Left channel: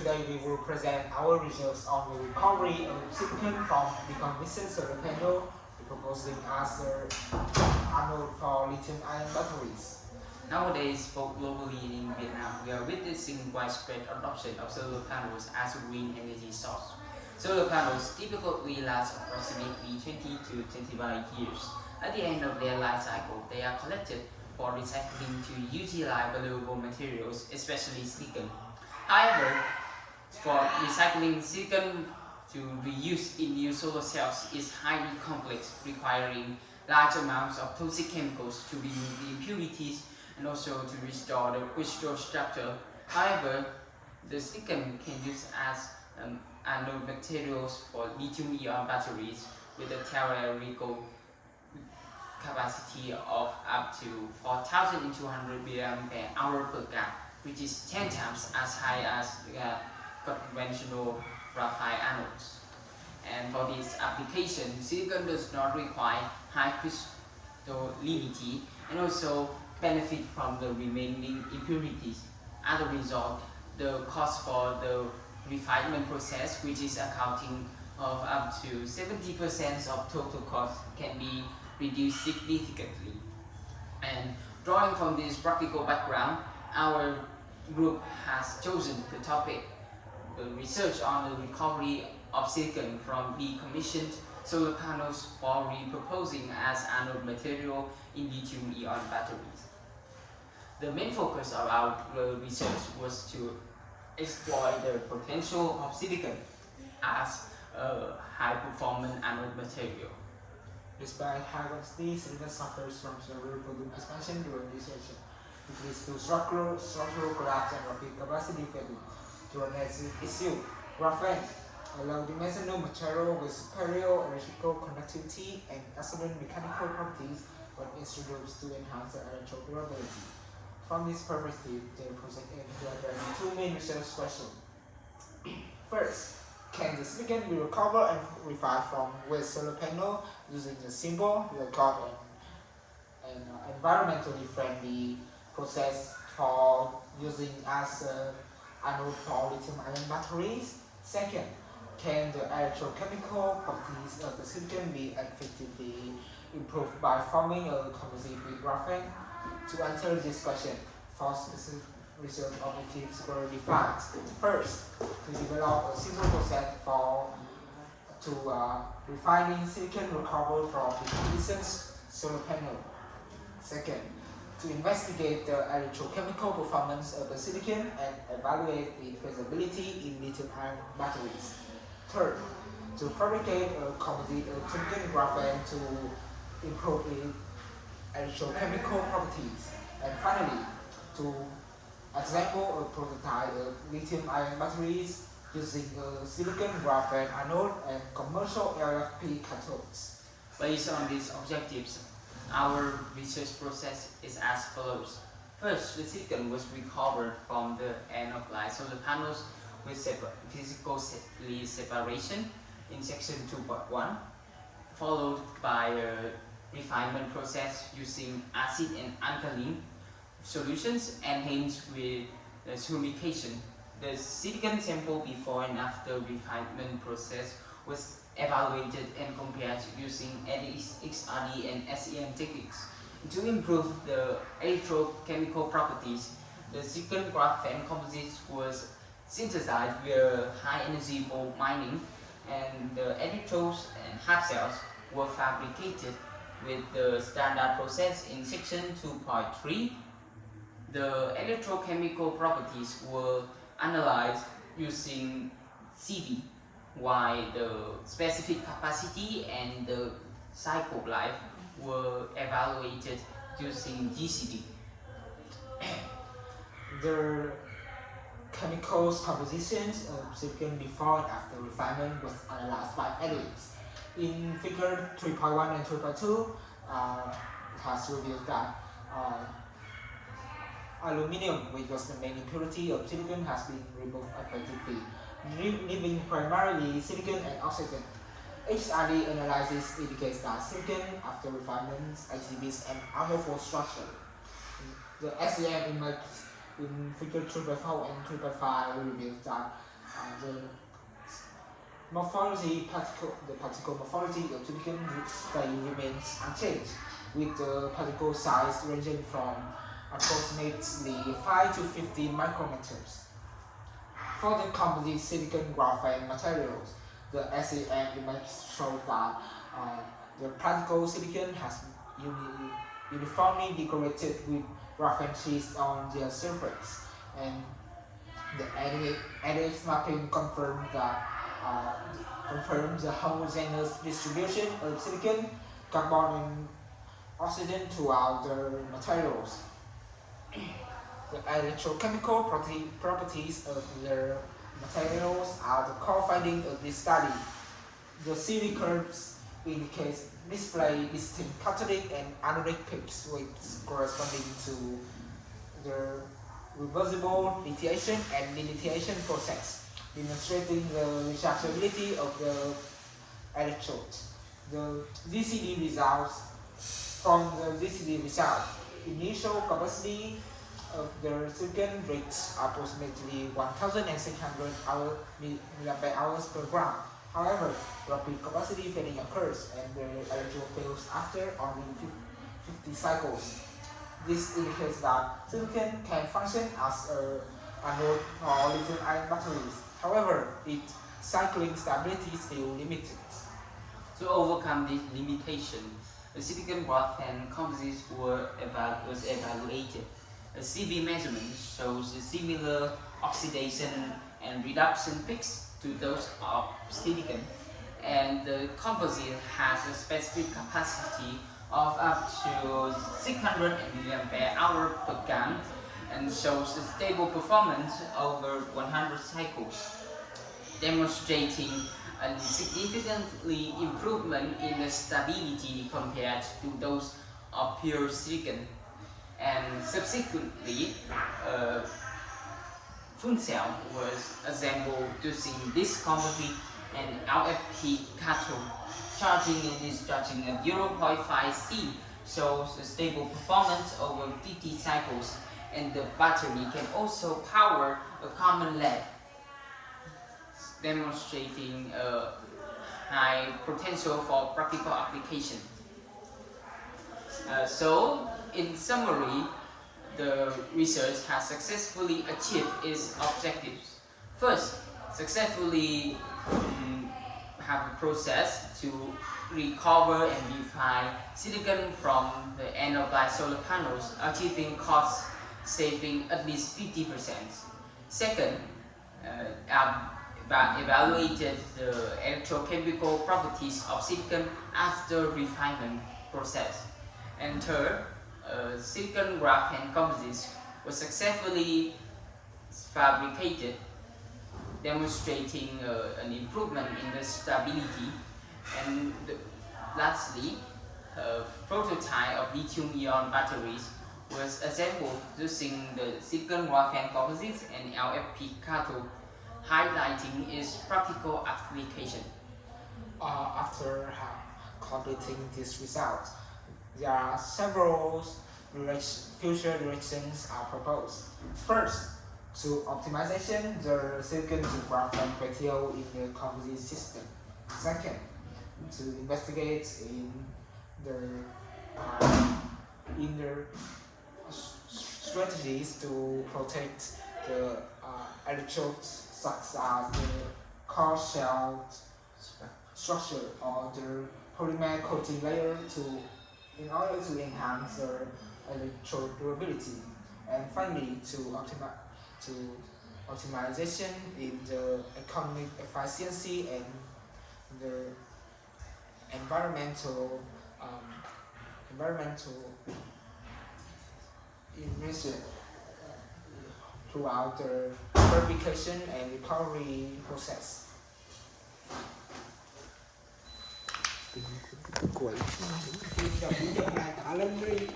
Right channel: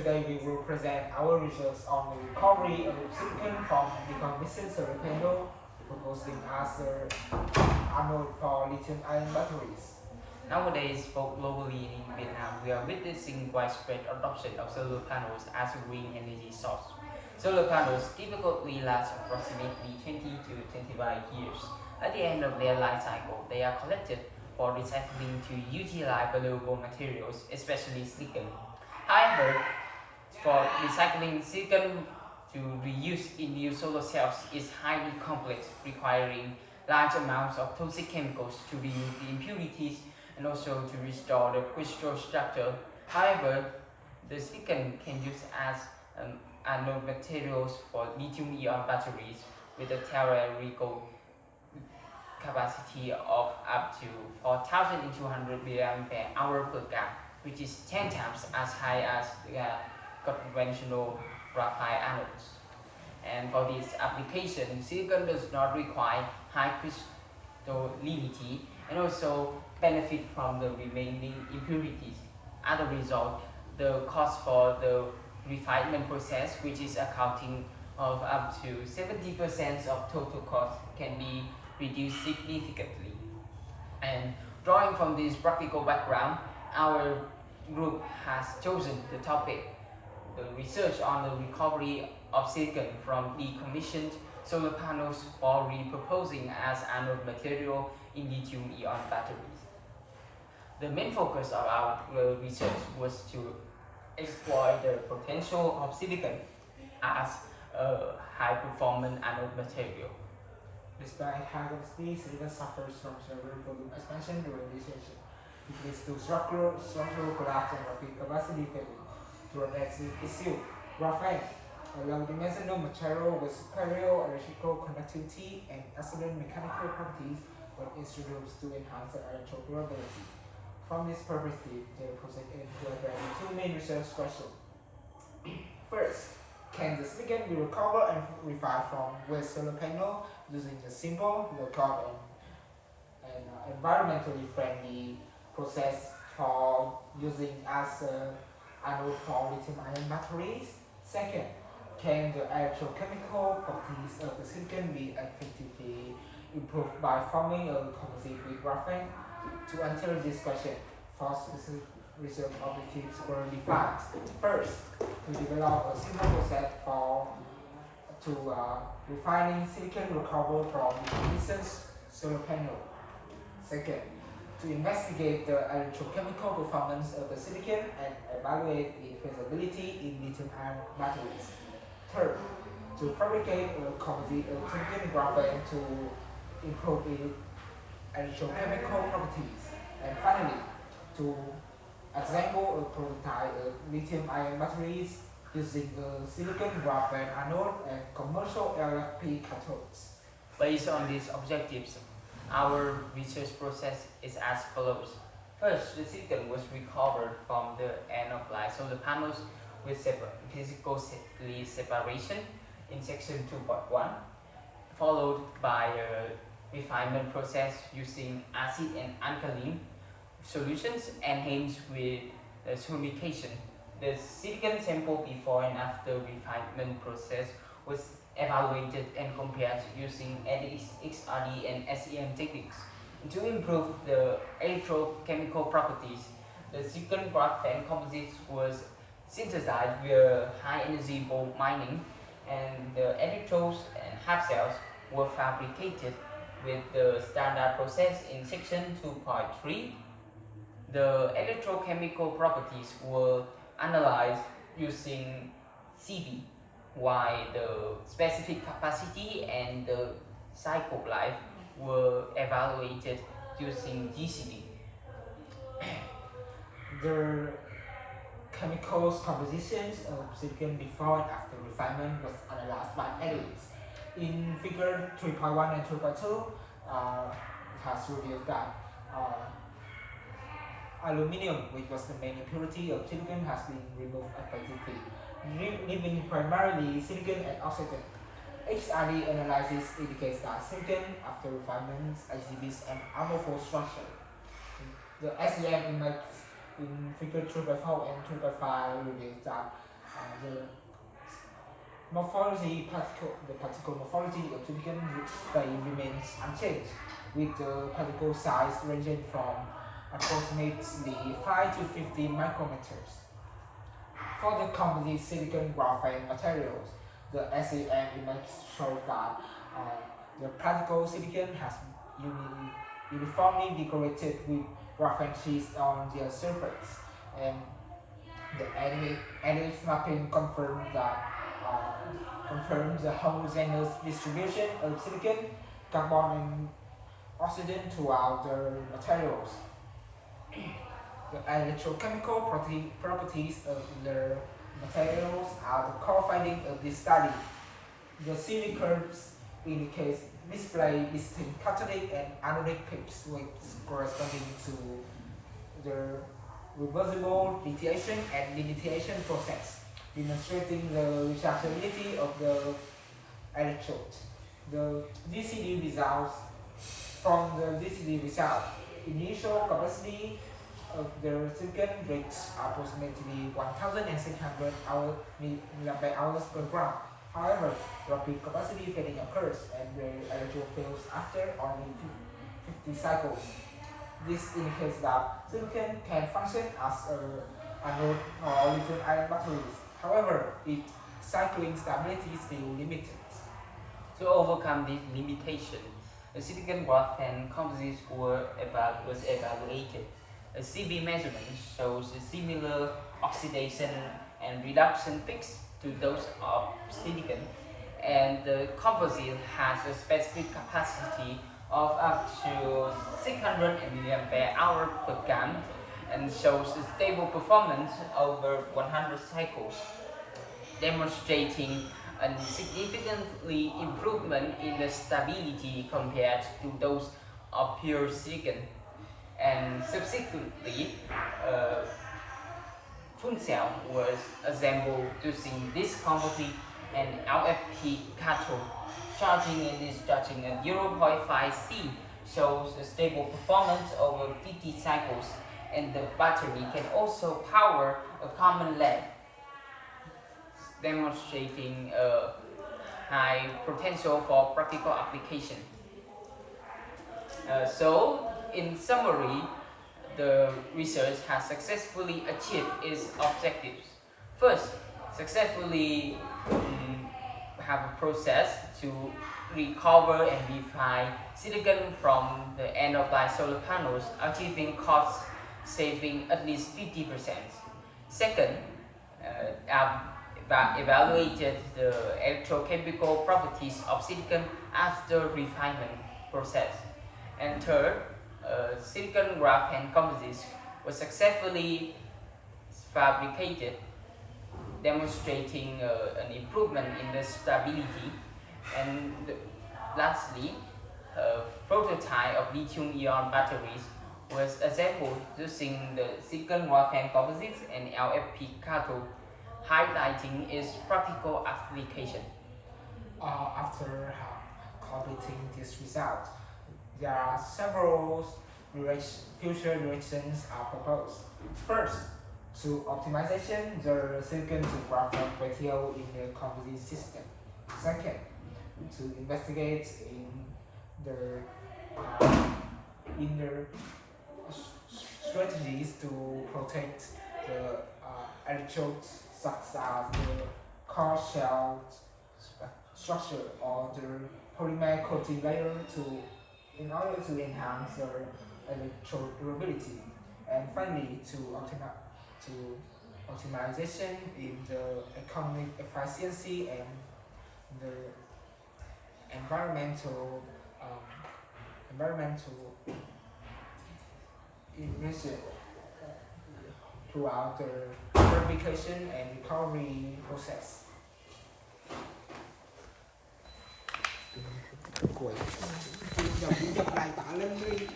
Today we will present our results on the recovery of silicon from decommissioned solar panel, proposing as the anode for lithium-ion batteries. Nowadays, both globally and in Vietnam, we are witnessing widespread adoption of solar panels as a green energy source. Solar panels typically last approximately 20 to 25 years. At the end of their life cycle, they are collected for recycling to utilize valuable materials, especially silicon. However, for recycling silicon to reuse in new solar cells is highly complex, requiring large amounts of toxic chemicals to remove the impurities and also to restore the crystal structure. However, the silicon can use as anode materials for lithium-ion batteries with a theoretical capacity of up to 4,200 mAh per car, which is 10 times as high as the conventional graphite anodes. And for this application, silicon does not require high crystallinity and also benefit from the remaining impurities. As a result, the cost for the refinement process, which is accounting of up to 70% of total cost, can be reduced significantly. And drawing from this practical background, our group has chosen the topic, the research on the recovery of silicon from decommissioned solar panels for repurposing as anode material in lithium-ion batteries. The main focus of our research was to explore the potential of silicon as a high-performance anode material. Despite high density, silicon suffers from several volume expansion during dissociation. It leads to structural collapse and rapid capacity failing. To address this issue, graphene, a low-dimensional material with superior electrical conductivity and excellent mechanical properties, was introduced to enhance the electrical durability. From this perspective, the project aims to address two main research questions. First, can the silicon be recovered and refined from waste solar panel using a simple, low-cost, and environmentally friendly process for using as anode for lithium-ion batteries? Second, can the electrochemical properties of the silicon be effectively improved by forming a composite with graphene? To answer this question, four specific research objectives were defined. First, to develop a simple process for refining silicon recovered from decommissioned solar panel. Second, to investigate the electrochemical performance of the silicon and evaluate its feasibility in lithium-ion batteries. Third, to fabricate a composite of silicon and graphene to improve its electrochemical properties. And finally, to assemble a prototype of lithium-ion batteries using a silicon graphene anode and commercial LFP cathodes. Based on these objectives, our research process is as follows. First, the silicon was recovered from the end-of-life solar panels with physical separation in section 2.1, followed by a refinement process using acid and alkaline solutions enhanced with humidification. The silicon sample before and after refinement process was evaluated and compared using XRD and SEM techniques. To improve the electrochemical properties, the silicon graphene composite was synthesized via high-energy bulk mining, and the electrodes and half cells were fabricated with the standard process in section 2.3. The electrochemical properties were analyzed using CV, while the specific capacity and the cycle life were evaluated using GCD. The chemicals compositions of silicon before and after refinement was analyzed by analysts. In figure 3.1 and 3.2, it has revealed that aluminum, which was the main impurity of silicon, has been removed effectively, leaving primarily silicon and oxygen. HRD analysis indicates that silicon after refinement exhibits an amorphous structure. The SEM image in figure 3.4 and 3.5 reveals that The the particle morphology of silicon remains unchanged, with the particle size ranging from approximately 5 to 50 micrometers. For the composite silicon graphene materials, the SEM image shows that the particle silicon has uniformly decorated with graphene sheets on their surface, and the NX mapping confirms the homogeneous distribution of silicon, carbon, and oxygen throughout the materials. The electrochemical properties of the materials are the core finding of this study. The CV curves display distinct cathodic and anodic peaks corresponding to the reversible lithiation and delithiation process, demonstrating the rechargeability of the electrode. The DCD results from the DCD result, initial capacity of the silicon reached approximately 1,600 milliampere-hours per gram. However, rapid capacity fading occurs and the electrode fails after only 50 cycles. This indicates that silicon can function as anode or lithium-ion batteries. However, its cycling stability is still limited. To overcome this limitation, the silicon graphene composites was evaluated. A CV measurement shows similar oxidation and reduction peaks to those of silicon, and the composite has a specific capacity of up to 600 milliampere-hour per gram and shows a stable performance over 100 cycles, demonstrating a significantly improvement in the stability compared to those of pure silicon. And subsequently, fuel cell was assembled using this composite and LFP cathode. Charging and discharging at 0.5 C shows a stable performance over 50 cycles, and the battery can also power a common LED, demonstrating a high potential for practical application. So, in summary, the research has successfully achieved its objectives. First, successfully have a process to recover and refine silicon from the end-of-life solar panels, achieving cost saving at least 50%. Second, evaluated the electrochemical properties of silicon after refinement process. And third, silicon graphene composites was successfully fabricated, demonstrating an improvement in the stability. And lastly, a prototype of lithium-ion batteries was assembled using the silicon graphene composites and LFP cathode, highlighting its practical application. After completing this result, there are several future directions are proposed. First, to optimization the silicon to graphene ratio in the composite system. Second, to investigate in the strategies to protect the electrodes, such as the core shell structure or the polymer coating layer in order to enhance the electrode durability. And finally, to optimization in the economic efficiency and the environmental emission throughout the fabrication and recovery process. Đọc bài tả lên đi.